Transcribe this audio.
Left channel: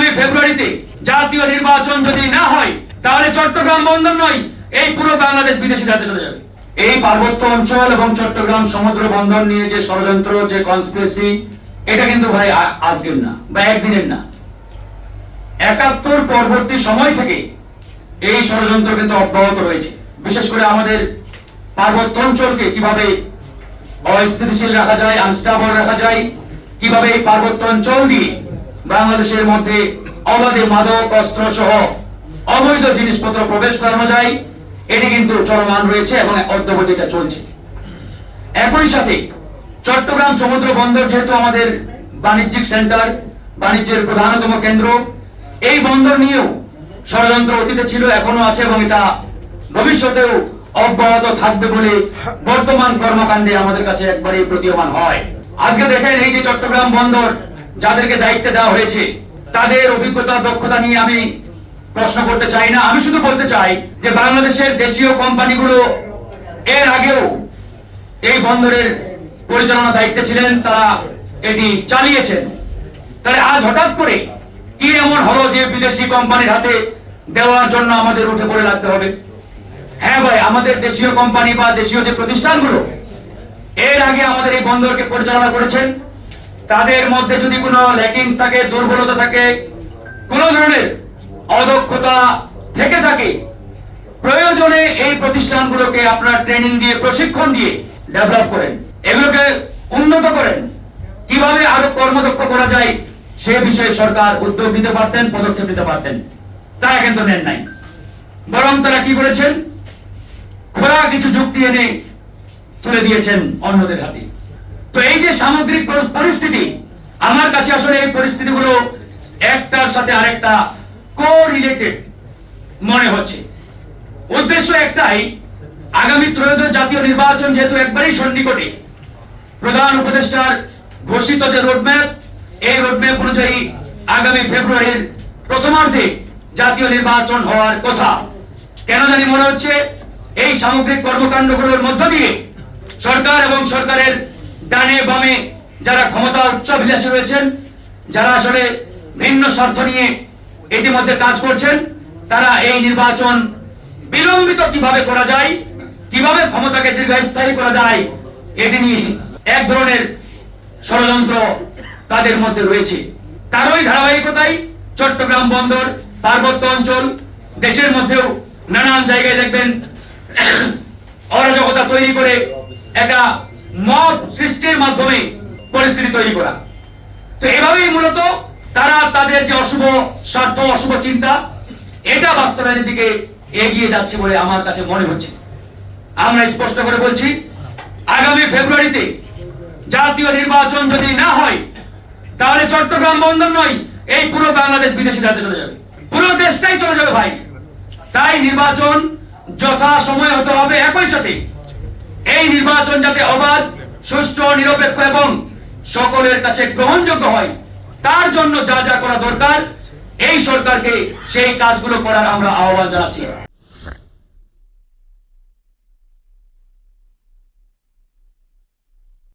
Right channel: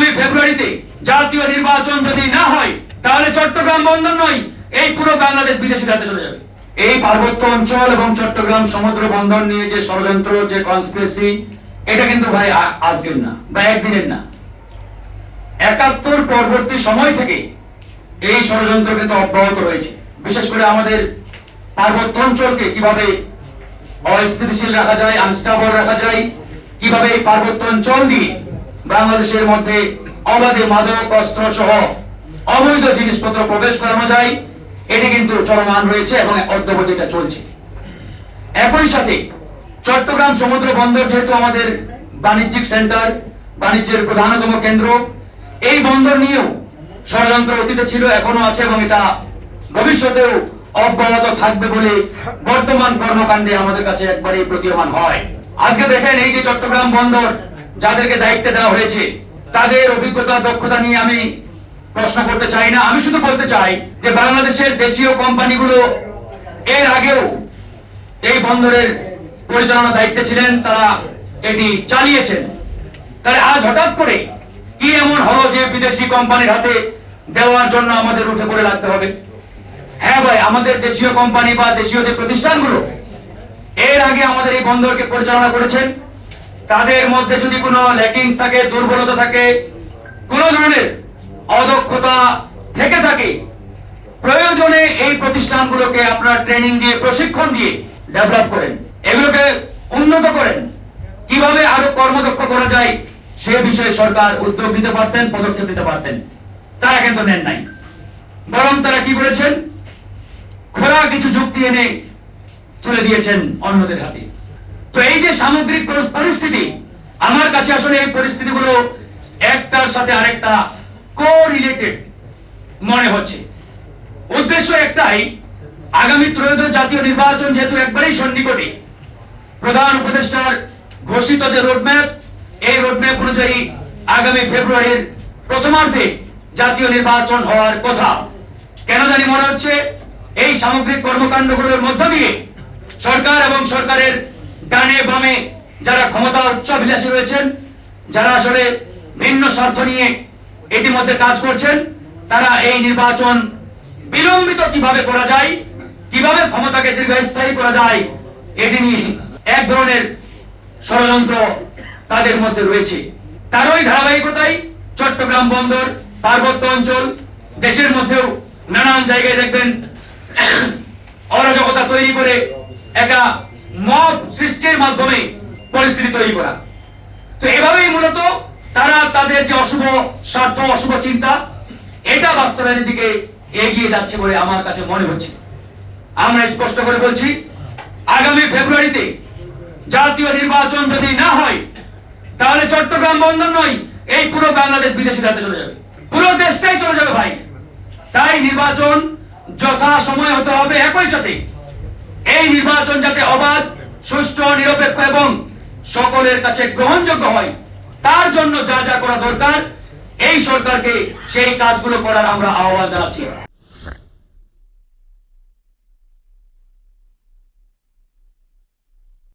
আগামী ফেব্রুয়ারিতে জাতীয় নির্বাচন যদি না হয় তাহলে চট্টগ্রাম বন্দর নয়, এই পুরো বাংলাদেশ বিদেশির হাতে চলে যাবে। এই পার্বত্য অঞ্চল এবং চট্টগ্রাম সমুদ্র বন্দর নিয়ে যে ষড়যন্ত্র, যে কনস্পিরেসি, এটা কিন্তু ভাই আজকের না বা একদিনের না। ৭১ পরবর্তী সময় থেকে এই ষড়যন্ত্র কিন্তু অব্যাহত রয়েছে। বিশেষ করে আমাদের পার্বত্য অঞ্চলকে কিভাবে অস্থিতিশীল রাখা যায়, আনস্টেবল রাখা যায়, কিভাবে এই পার্বত্য অঞ্চল দিয়ে বাংলাদেশের মধ্যে অবাধে মাদক, অস্ত্র সহ অবৈধ জিনিসপত্র প্রবেশ করানো যায়, এটি কিন্তু চলমান রয়েছে এবং অদ্যাবধি এটা চলছে। একই সাথে চট্টগ্রাম সমুদ্র বন্দর যেহেতু আমাদের বাণিজ্যিক সেন্টার, বাণিজ্যের প্রধানতম কেন্দ্র, এই বন্দর নিয়েও ষড়যন্ত্র অতীতে ছিল, এখনো আছে এবং এটা ভবিষ্যতেও অব্যাহত থাকবে বলে বর্তমান কর্মকাণ্ডে আমাদের কাছে একবারেই প্রতীয়মান হয়। আজকে দেখেন, এই যে চট্টগ্রাম বন্দর যাদেরকে দায়িত্ব দেওয়া হয়েছে, তাদের অভিজ্ঞতা, দক্ষতা নিয়ে আমি প্রশ্ন করতে চাই না। আমি শুধু বলতে চাই যে বাংলাদেশের দেশীয় কোম্পানিগুলো এর আগেও এই বন্দরের পরিচালনা দায়িত্বে ছিলেন, তারা এটি চালিয়েছেন। তাই আজ হঠাৎ করে কি এমন হলো যে বিদেশি কোম্পানির হাতে দেওয়ার জন্য আমাদের উঠে পড়ে লাগতে হবে? হ্যাঁ ভাই, আমাদের দেশীয় কোম্পানি বা দেশীয় যে প্রতিষ্ঠানগুলো এর আগে আমাদের এই বন্দরকে পরিচালনা করেছেন, তাদের মধ্যে যদি কোনো ল্যাকিংস থাকে, দুর্বলতা থাকে, কোন ধরনের অদক্ষতা থেকে থাকে, প্রয়োজনে এই প্রতিষ্ঠানগুলোকে আপনারা ট্রেনিং দিয়ে, প্রশিক্ষণ দিয়ে ডেভেলপ করেন, এগুলোকে উন্নত করেন, কিভাবে আরো কর্মদক্ষ করা যায় সে বিষয়ে সরকার উদ্যোগ নিতে পারতেন, পদক্ষেপ নিতে পারতেন। তারা কিন্তু নেন নাই, বরং তারা কি করেছেন, খোলা কিছু যুক্তি এনে তুলে দিয়েছেন অন্যদের হাতে। তো এই যে সামগ্রিক পরিস্থিতি, আমার কাছে আসলে এই পরিস্থিতিগুলো একটার সাথে আরেকটা কোরিলেটেড মনে হচ্ছে। উদ্দেশ্য একটাই, আগামী ত্রয়োদশ জাতীয় নির্বাচন যেহেতু একবারেই সন্নিকটে, প্রধান উপদেষ্টার ঘোষিত যে রোডম্যাপ, এই রোডম্যাপ অনুযায়ী আগামী ফেব্রুয়ারির প্রথমার্ধে জাতীয় নির্বাচন হওয়ার কথা। কেন জানি মনে হচ্ছে এই সামগ্রিক কর্মকাণ্ডগুলোর মধ্য দিয়ে সরকার এবং সরকারের ডানে বামে যারা ক্ষমতা উচ্চাভিলাষী রয়েছেন, যারা আসলে ভিন্ন স্বার্থ নিয়ে ইতিমধ্যে কাজ করছেন, তারা এই নির্বাচন বিলম্বিত কিভাবে করা যায়, কিভাবে ক্ষমতাকে দীর্ঘস্থায়ী করা যায়, এটি নিয়ে এক ধরনের ষড়যন্ত্র তাদের মধ্যে রয়েছে। তারই ধারাবাহিকতায় চট্টগ্রাম বন্দর, পার্বত্য অঞ্চল, দেশের মধ্যেও নানান জায়গায় দেখবেন অরাজকতা তৈরি করে একটা মব সৃষ্টির মাধ্যমে পরিস্থিতি তৈরি করা। তো এভাবেই মূলত তারা তাদের যে অশুভ স্বার্থ, অশুভ চিন্তা, এটা বাস্তবায়নের দিকে এগিয়ে যাচ্ছে বলে আমার কাছে মনে হচ্ছে। আমরা স্পষ্ট করে বলছি, আগামী ফেব্রুয়ারিতে জাতীয় নির্বাচন যদি না হয় তাহলে চট্টগ্রাম বন্দর নয়, এই পুরো বাংলাদেশ বিদেশির হাতে চলে যাবে, পুরো দেশটাই চলে যাবে ভাই। তাই নির্বাচন যথা সময় হতে হবে। একই সাথে এই নির্বাচন যাতে অবাধ, সুষ্ঠু, নিরপেক্ষ এবং সকলের কাছে গ্রহণযোগ্য হয়, তার জন্য যা যা করা দরকার এই সরকারকে সেই কাজগুলো করার আমরা আহ্বান জানাচ্ছি।